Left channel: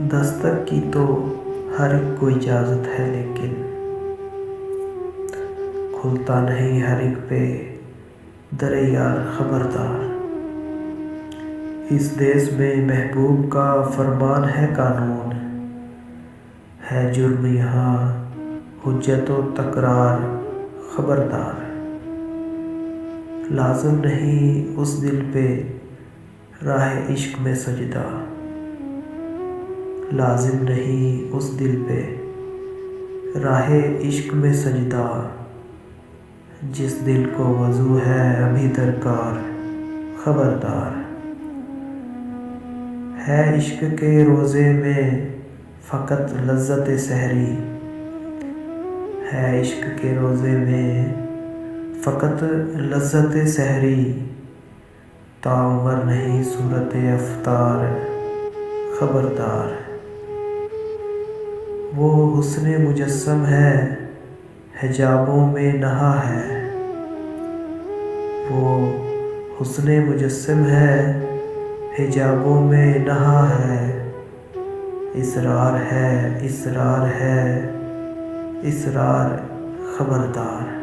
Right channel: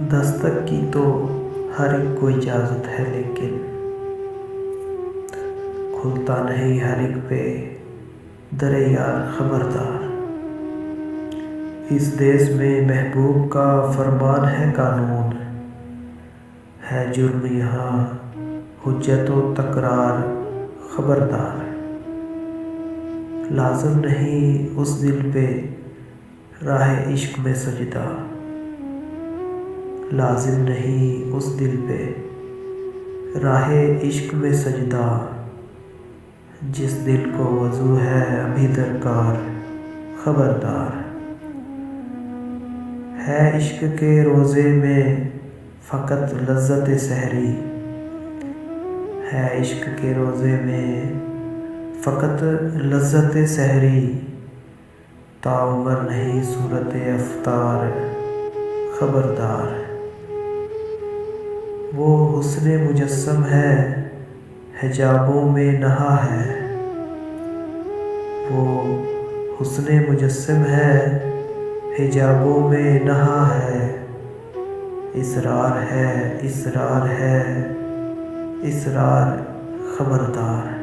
دستک کی تو ہر ایک کو اجازت ہے، لیکن کھلتا نہیں ہر ایک پہ در یار خبردار۔ اس دیس میں محبوب کا فرمان ہے قانون، ہے جرم یہاں حجت و تکرار خبردار۔ لازم نہیں اس دل پہ راہ عشق میں سجدہ، لازم نہیں اس دل پہ راہ عشق میں سجدہ، جس دل کو وضو ہے ابھی درکار خبردار۔ ہے عشق کے روزے میں فقط لذت سحری، ہے عشق کے روزے میں فقط لذت سحری، تاعمر نہیں صورت افطار خبردار۔ وہ حسن مجسم ہے حجابوں میں نہا ہے، وہ حسن مجسم ہے حجابوں میں نہا ہے، اسرار ہے اسرار ہے اسرار خبردار۔